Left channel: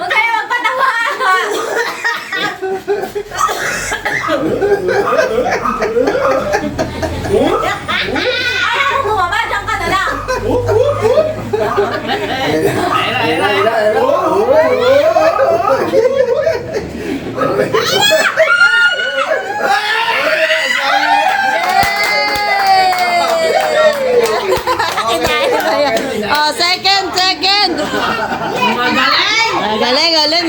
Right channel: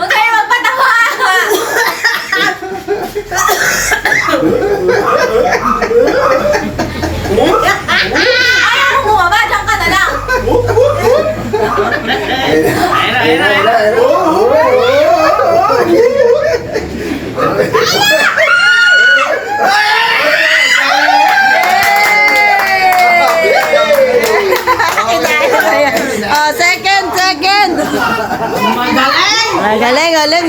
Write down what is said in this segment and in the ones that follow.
Huwag kayo magpatawa! Ayaw mo bumaba, dyan ka na lang! Oh, second. Galing.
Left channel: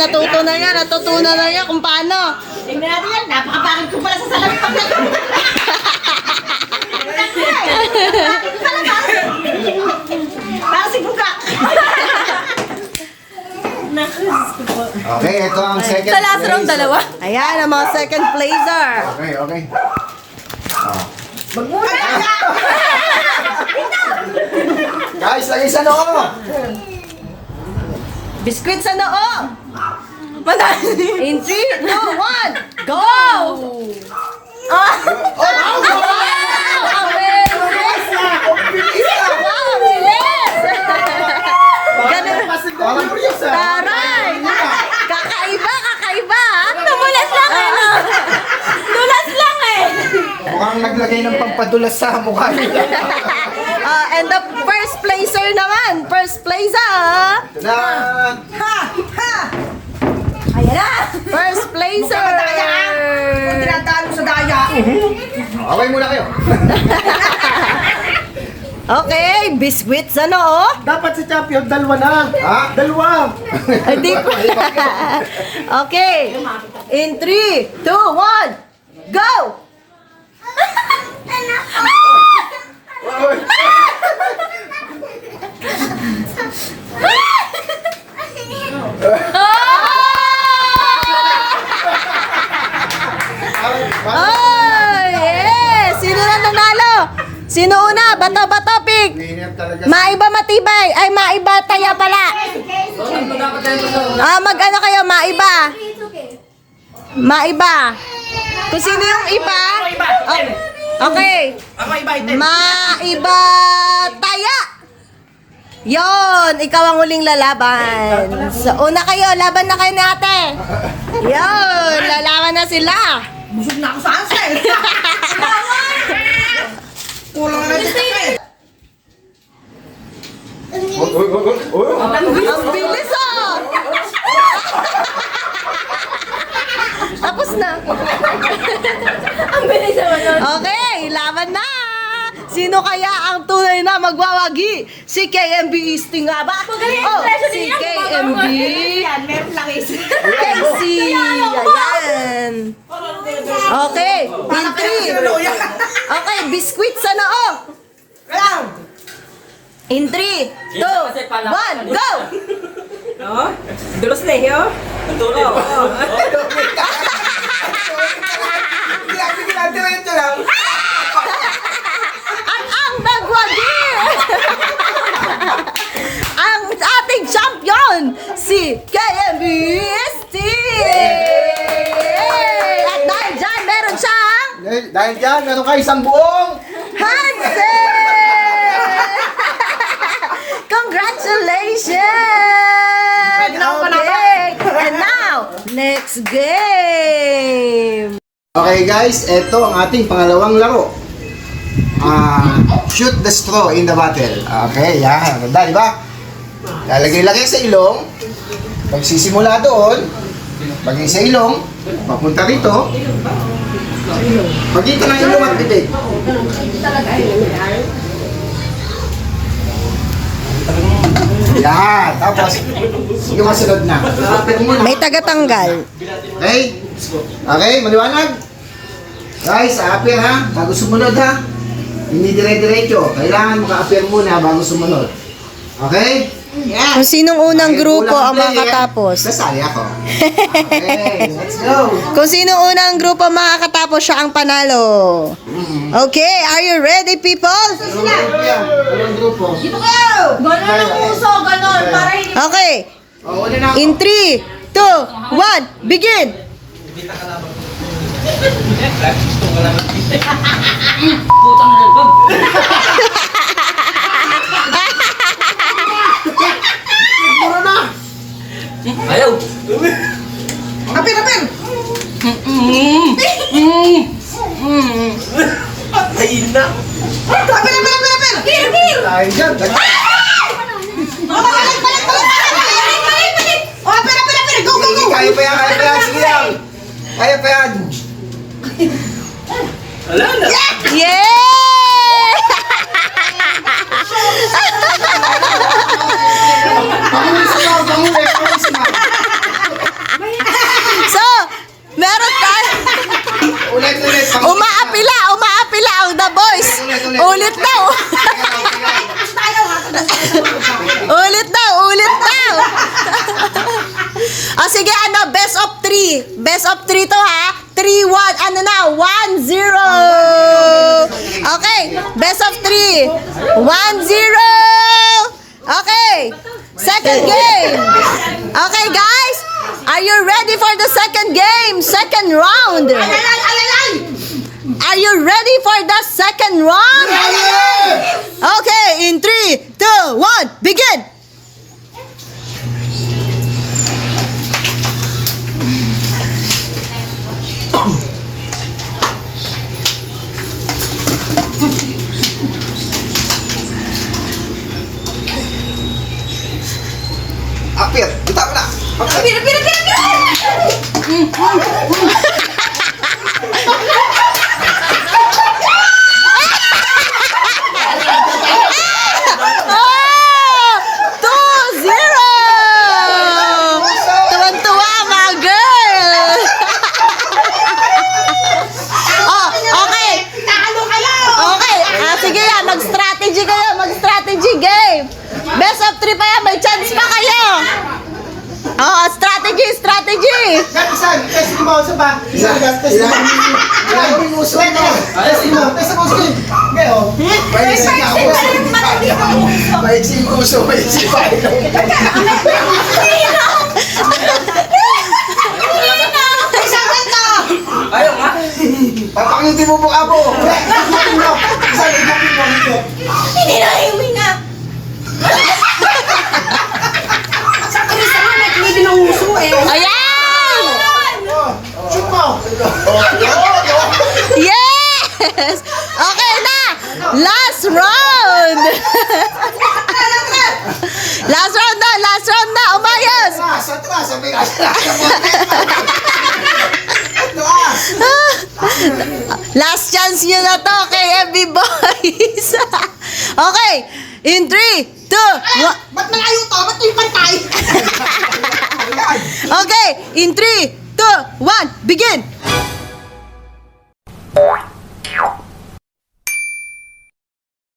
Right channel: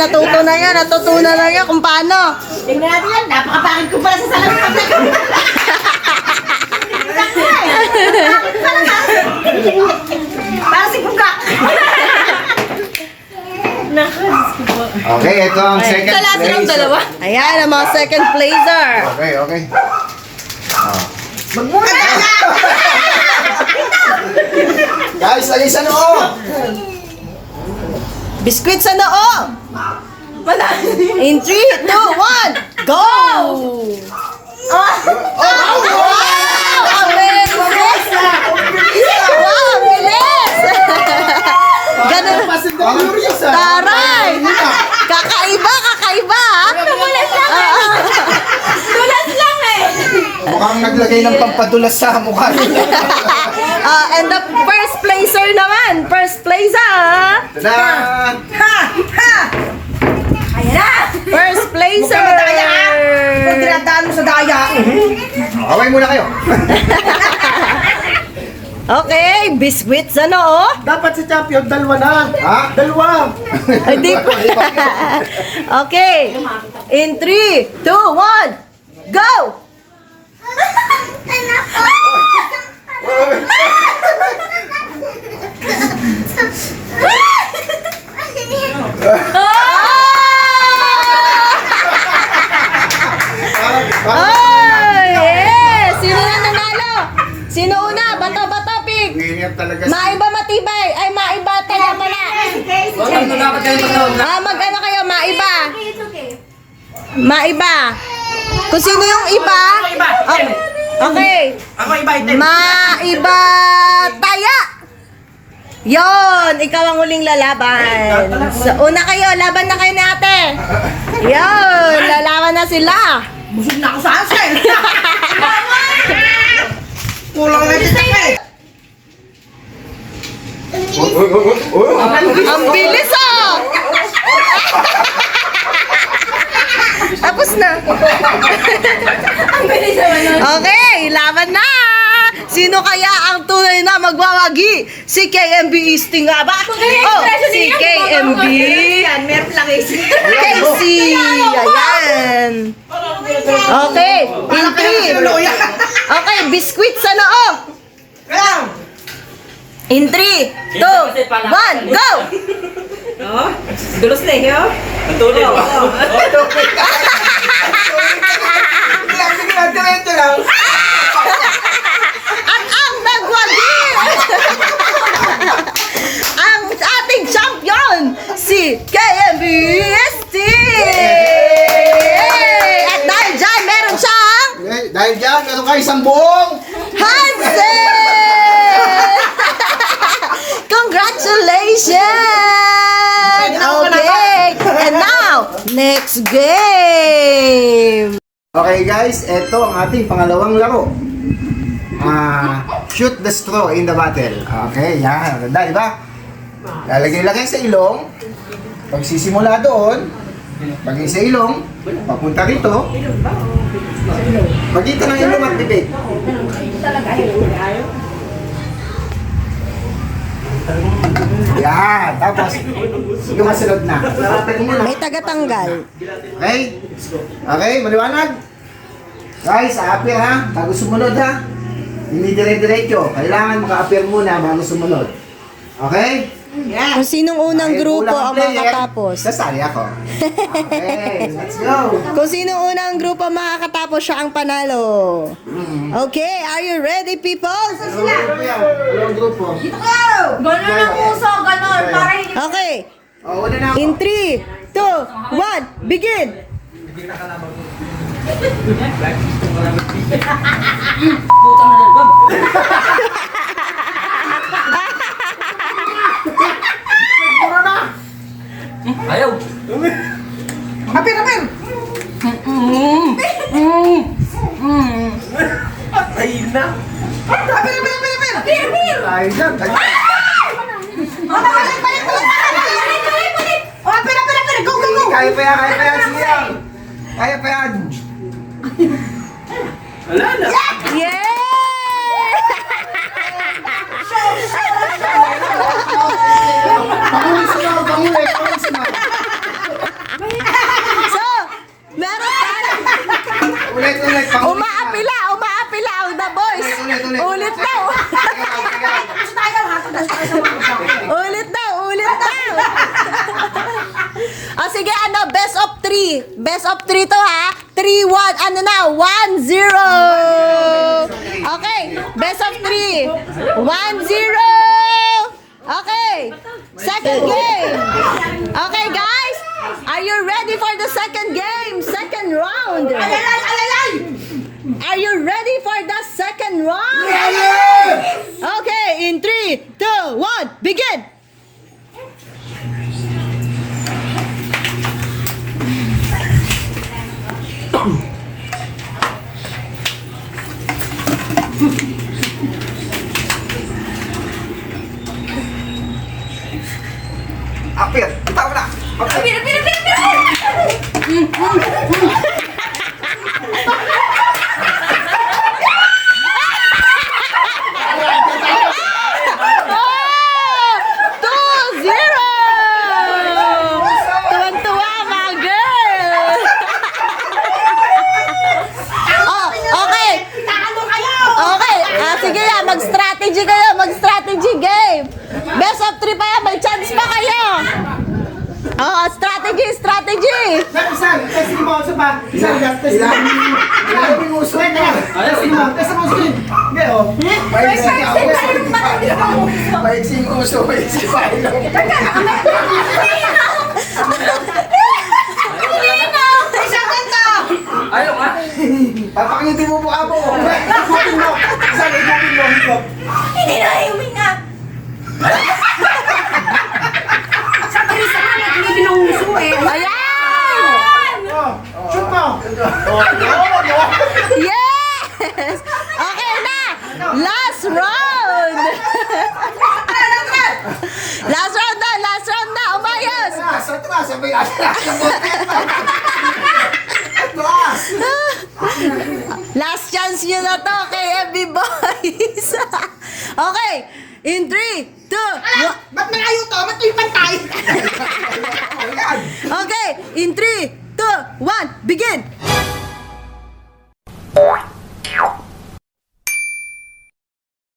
Natutunan na niya kung paano. Tingnan natin yan, napakapakit ko pala sa salamin. Para si Bugak. Okay, ito ang second place. Ayan, ang mga second placer. Okay. Guys, lagay sa noo! Biscuit sa noo. In 3, 2, 1, go! Ganun. Taray! Kakaiba! Tulas lang eh. Mukhang naglagay ng pampadulas sa mukha nila. And the first placer naman. First placer. Tada! Ayan na. First placer. Dinadaan mo sa daya. Okay muna kayo. Okay, biscuit sa noo. Dapat si champion, dalawa na. Ha? Dalawa. Ay, di pa. Okay. In 3, 2, 1, go! Oh, yes! Sino na nanalo? Sino una? Bato, pig. Ganyan talaga. Maiba matibay. Ay, maiba taya pala. Mag-ano kayo, maiba. Maiba. Kung sino yung iba. Okay. Ako iba ito. Maiba taya. Yon, ikaw ang huling lalaban. So, una kayo, laban na kayo ni ate. Yon, lalaban na sila. Busog na ako sa ansel. Kulang na ito eh. Ang bilis ah! Tapos na. Ang bilis naman yun. Okay, laban na! Sino kaya ang tunay na magwawagi? Si KMB Easting nga ba? Oh, si KMB Yan, meron lang is. Casey! Ayan! Okay, in 3. Okay, biscuit sa noo! In 3, 2, 1, go! Dulos na eh, yo. At ang nagwagi! Ang ating champion, si KMB At dahil dyan, meron siyang Dahil dyan, meron kayo isang buong Hansel! Congratulations! Okay, and now, next game! Okay guys, ito ang ating pangalawang laro. Shoot the straw in the bottle. Okay, yan. Ganda, di ba? Lalagay-lagay sa ilong. Pagsisimula doon, pag sa ilong, papunta rito. Pagkita ng ilong at bibig. Yan. Tapos, yung masunod na. May tagatanggal. Okay? Okay, maliwanag? Guys, a-appear ha, bago sumunod ha. Hindi dire-diretso. Kailangan maka-appear muna bago sumunod. Okay? Kung sinong unang Okay, grupo kulang ang player. makakatapos. Sasali ako. Okay, let's go. Kung sinong unang grupo makakatapos, siya ang panalo. Okay, are you ready, people? Anong grupo? Ganon ang puso, ganon. Para hindi Okay, Oh, una na ako. in 3, 2, 1, begin! Apir, apir! Apir, apir, apir, apir! Ay, dyan. Oh, apir, apir, apir! Go, go, go! Kaya pa yan, kaya pa yan. Sige lang. Kaya pa yan. Yeah! So, meron tayo. Ulit. Umaapila ang The Voice. Ulit daw. Ulit daw. O sige, best of 3. Best of 3 to ha. 3-1, 1-0. Okay, best of 3. 1-0. Okay, second game. Okay, guys, are you ready for the second game? Second round. Are you ready for the second round? Okay, in 3, 2, 1, begin. Apir, kita ko na. Oh! 2-0! Tuwan-tuwa, mga girl! Oh, okay. Okay, sige yan, mag-strategy kayo, mag-strategy game. Best of 3 pa yan, may chance pa kayo. Oh, strategy. Isan, testing mo sa ba? Isan, testing mo. Ilan yung uso na? Testing mo, sige. Ngayon. Maiksi yung uso, maiksi pa. Papakitin mo mukha mo. Ikutin mo. Isan, ikutin mo. hindi na hiwinga. Ayan! Shoot mo. Yes! Okay na! Last round! Last round na! Umayos! Atras, sabi na. Atras. Last chance nyo na to kay MB Boys! Okay! In 3, 2, 1... Ba't malayo to? Ba't yung pantay? Okay! In 3, 2, 1, begin!